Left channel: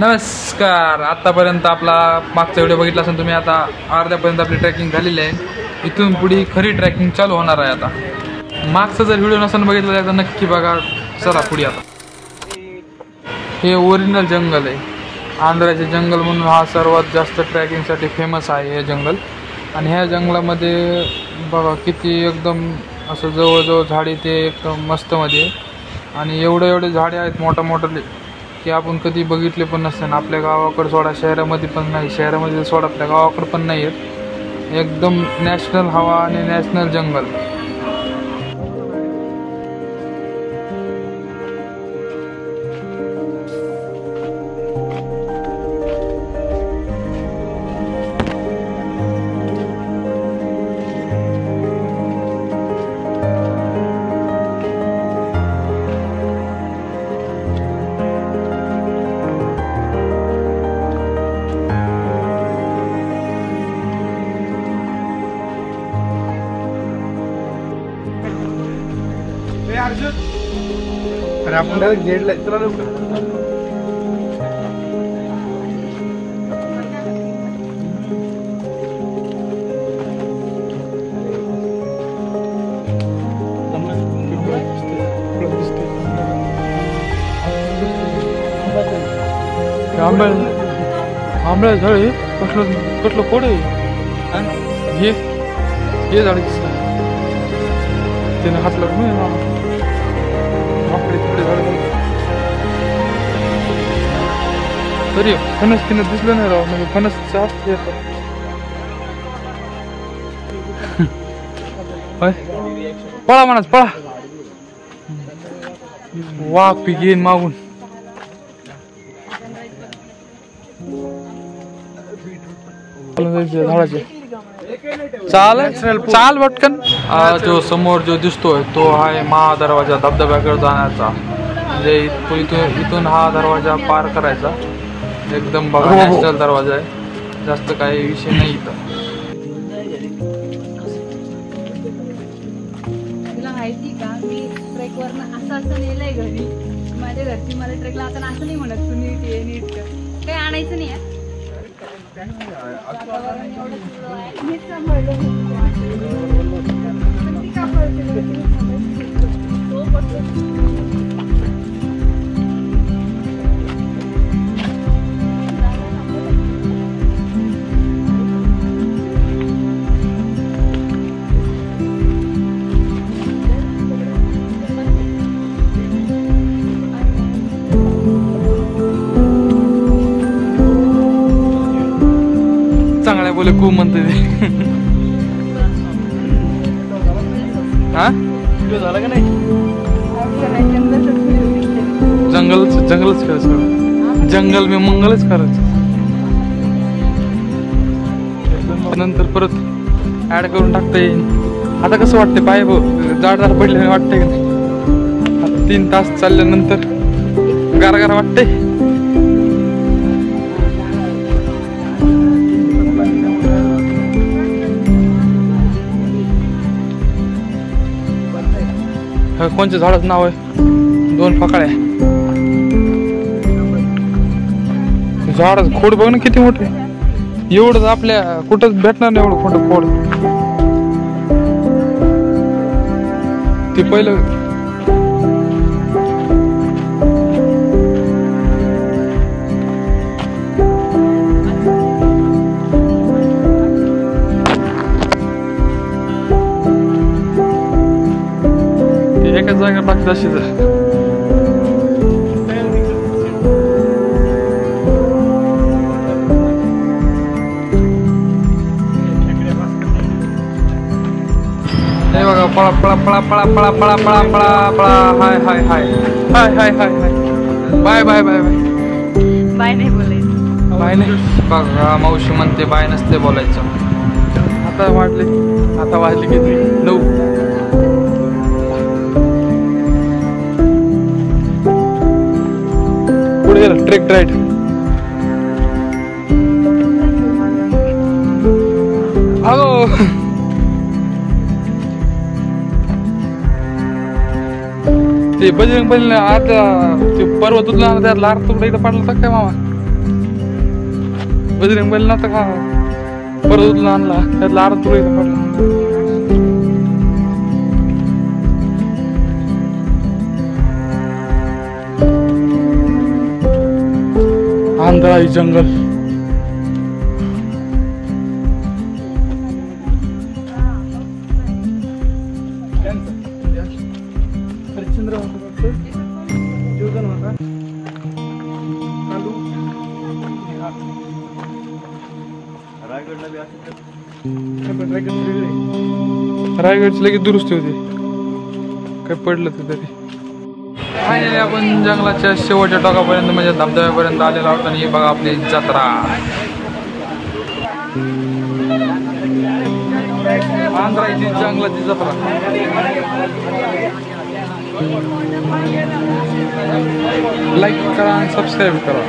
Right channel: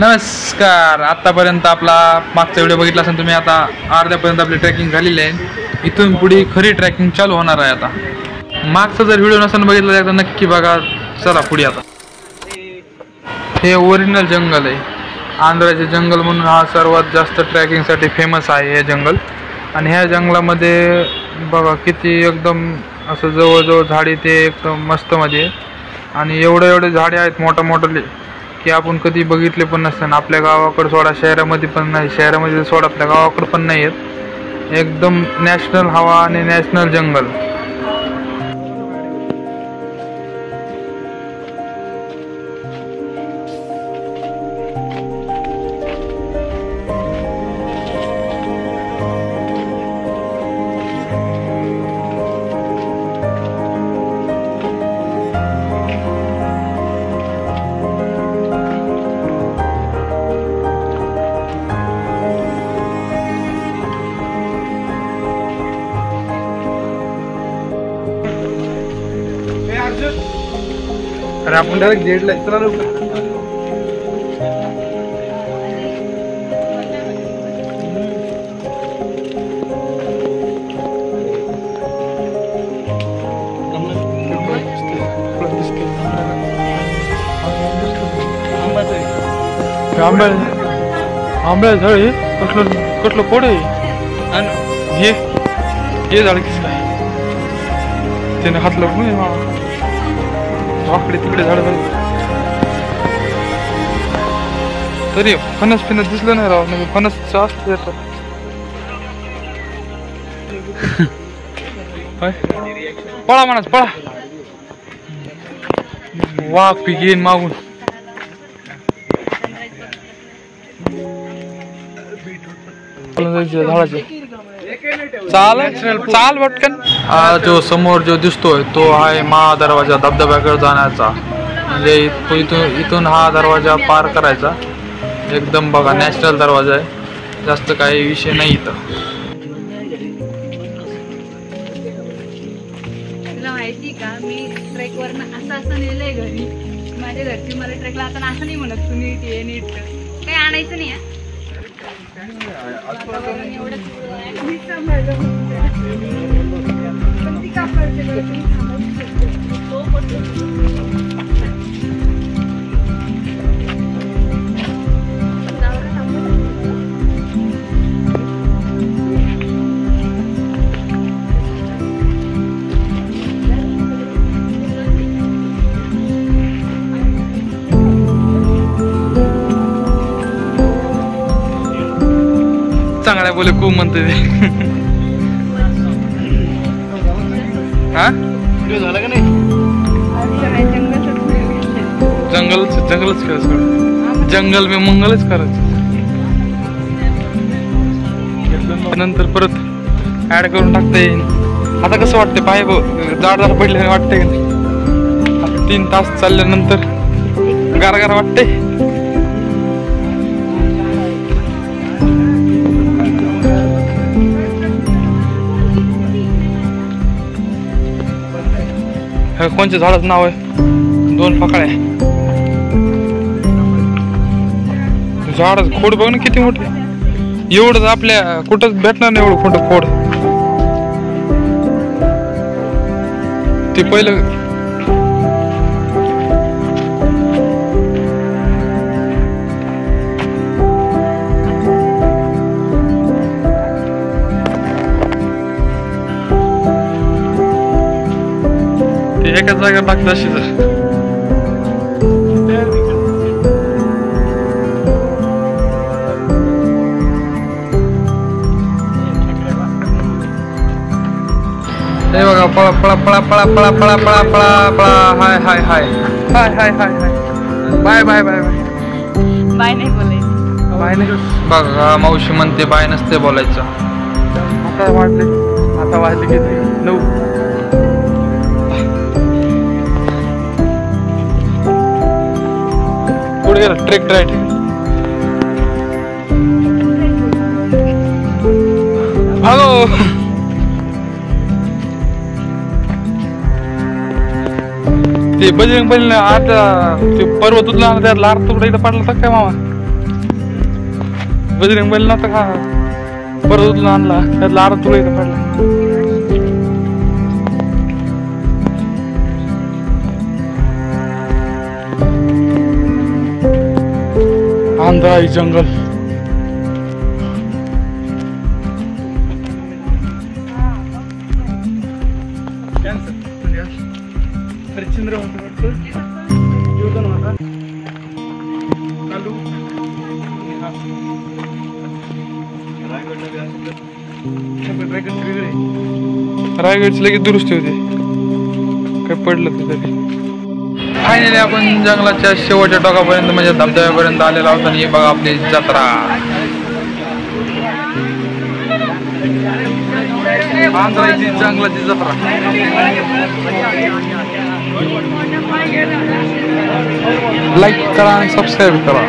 नमस्कार. आतापर्यंत आपला मागचा व्हिडिओ बघितला असेल तुम्ही. आता अर्ध्यापर्यंत आपली ट्रॅकिंग झालेली आहे. इथून पुढे खरी ट्रॅकिंग चालू होणार आहे. आता मागचा जर व्हिडिओ नसेल बघितला एकदा नक्की बघा. चला पुढे. आता हे ओरिजिनल जंगल आहे. आंध्राचे जंगल म्हणून हा सर्वात जास्त ट्रॅकिंगसाठी फेमस आहे हे जंगल. आणि ह्या जंगलामध्ये बघा किती एकदम असं जवळजवळ झाडी ते एकदम मस्त मध्ये. आणि एवढे झाडे आहेत मोठे की आपण कधी बघितले पण नसताना. आपल्या गावाकडे सोडा, शहरामध्ये पण नाही. शहरामध्ये सोडा, आपल्या गावाकडे पण नाही आहेत. एकदम नॅशनल हवा आणि नॅशनल जंगल. अरे आपण डायरेक्ट जेडला चला ना. आंब्या झाड आहे. कसलं पोड आहे. हे झाड किस काय त्याने हात लावून आकडे तिकडे झाड तरी फणस दिसलं नाही राव. म्हणजे फणस जास्त येतात. पळा म्हणा पळा. वाघ पी घेईन मागून. झाडाचे चाल पटकन. जो समोर जो दिसतोय तो आहे महादरवाजा. धबधब्याकडे जाण्याचा म्हणजे इथून हा दरवाजा पार करायचा. एकदम बघा नॅशनल दरवाजा आहे. जास्त काही विषय नाही इथं. तुला माहिती का मी ट्रेक वरनं असं नेलंय घरी. माझ्या घरची मला ट्रेकला आता असं नाही म्हणत तू नीट ये नीट काही आणायचं नाही. चांगल्या बोले खूप म्हणते ते. हा झालं का नाही. जंगलच करायचं. जंगल मी मंगलच करायचं. नंतर परत ऍड करून टाकता येईल. आता कसं वाटतं पाय जाड पडले वाटतंय का नाही. आता 3 तास चालल्यानंतर गार वाटतंय. कोणत्या झाडाचं नाव आहे. 2 फकड्या. झाड खोड बघ ना किती मोठे. एवढं आपल्या कुठंच भेटणार नाही एवढं मोठं खोड. ते पहिलं एकाच जागा बाकी तशीच आहे. हे बघा पळा पळा पळा पळा पळा पळा पळा पळा पळा. Hi hi hi hi hi hi hi. Bye bye bye bye. Bye नाही बोलायचं. बाय नाही बघा. मावशी म्हणते बाय नसते बोलायचं. आता वाजले किती 9. पुढे गेला ट्रेक राईट. भागो. ते बजरंग बलीला आता ते पर्वत उचला त्यात लार तुकडा इथं पडला तर काय मामा. बजरंग बैल नव्हता का परत उचलून आणला त्यातला अर्धा तुला इथं पडला. आंधळा जंगल हरिश्चंद्र रायगडची लगेच दुरुस्ती होती काही पडलं तर तरी. फायनली आपण जंगलाच्या शेवटच्या टोकापर्यंत म्हणजे धबधब्यापर्यंत आलेला आहोत आणि हे बघा आपली जत्रा. आंध्राची जंगलाची जत्रा. लाईक करा आणि सबस्क्राईब करा.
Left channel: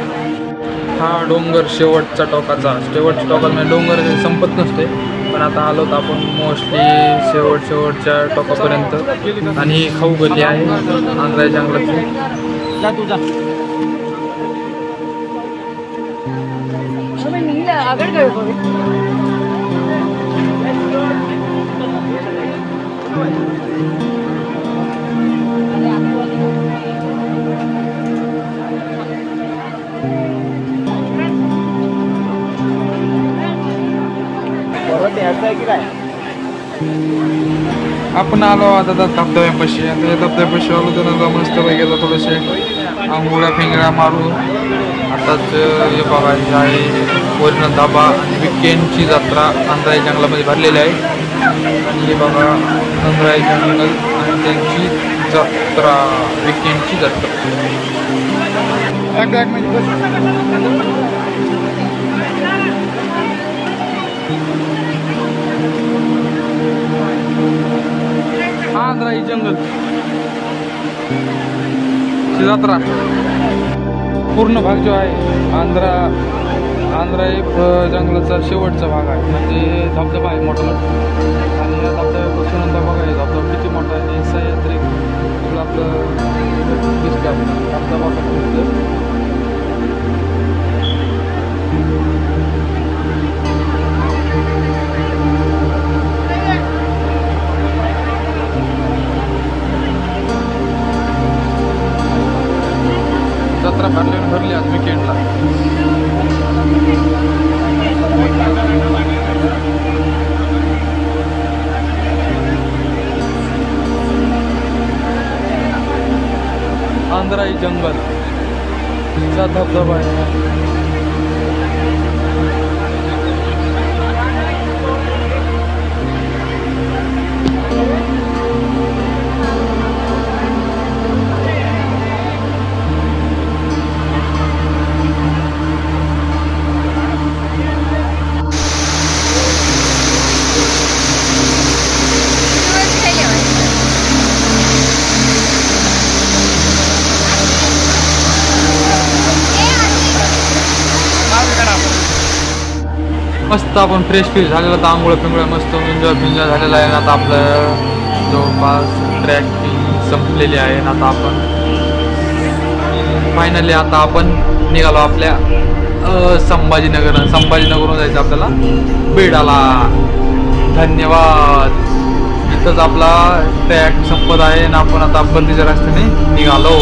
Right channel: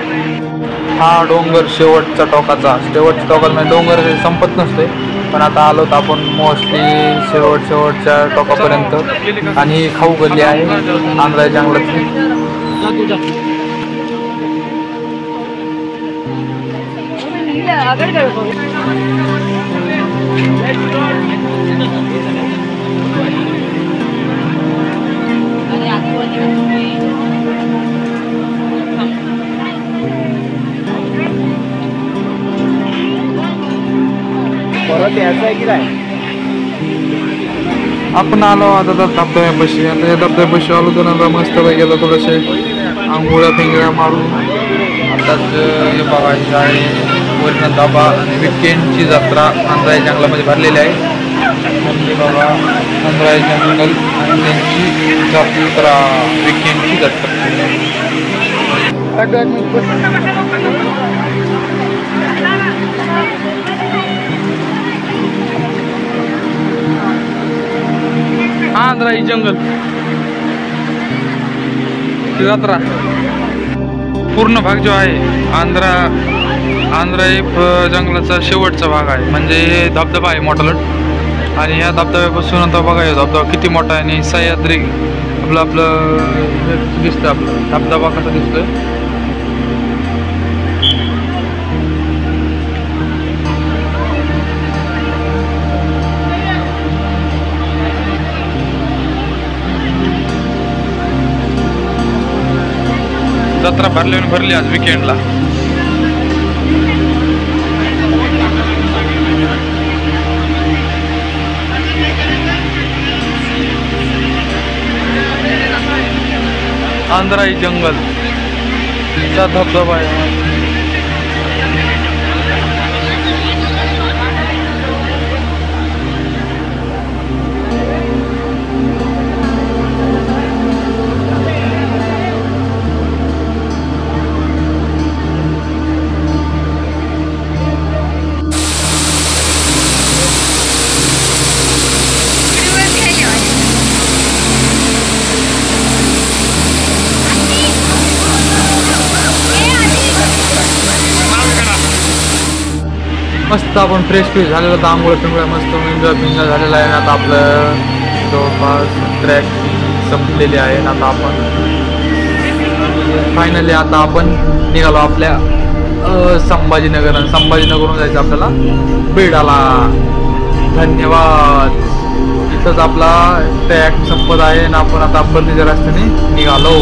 हा डोंगर शेवटच्या टोकाचा म्हणजे डोंगर हे संपत नसते पण आता आलो तर आपण मोस्टली शेवटच्या टोकापर्यंत. आणि ही खाऊ गल्ली आहे आंध्रा जंगलातली. आपण आलो आता धबधब्यापाशी. आता या धबधब्यापाशी आलो तर नंतर मस्त गेला थोडेसे आंघोळ्या फिंगळ्या मारून. आताच हे बघा हे आहे वरण धाबा आणि विकेंडची जत्रा आंध्रा जंगलामध्ये भरलेली आहे. आणि हे बघा आंध्रा जंगल आणि त्यांची जत्रा विकेंडची जत्रा. आंध्रा जंगल जत्रा पूर्ण भाग जो आहे आंध्रा हे जंगलाचा शेवटचा भाग आहे. म्हणजे हे धबधबा आहे मोठालट आणि या धबधब्यापासून आता बघा हे धबधबा किती मोठा आहे आणि सह्याद्री आपलं दिसतं. आपलं धबधबा कसा दिसतोय. जत्रा भरली आज विकेंडला. आंध्रा जंगल चा धबधबा आहे. मस्त आपण फ्रेश झालेला तर आंघोळ पिंगोळ्या मस्त एन्जॉय झालेला आहे. आता आपलं जवळपास ट्रॅक संपलेली आहे. आता आपण फायनली आता आपण निघालो आपल्या संभाजीनगरहून जायचं आपल्याला बेडाला. धन्यवाद. इथंच आपला ट्रॅक संपत आहे आणि आपण आता परतीच्या रस्त्याने निघालो.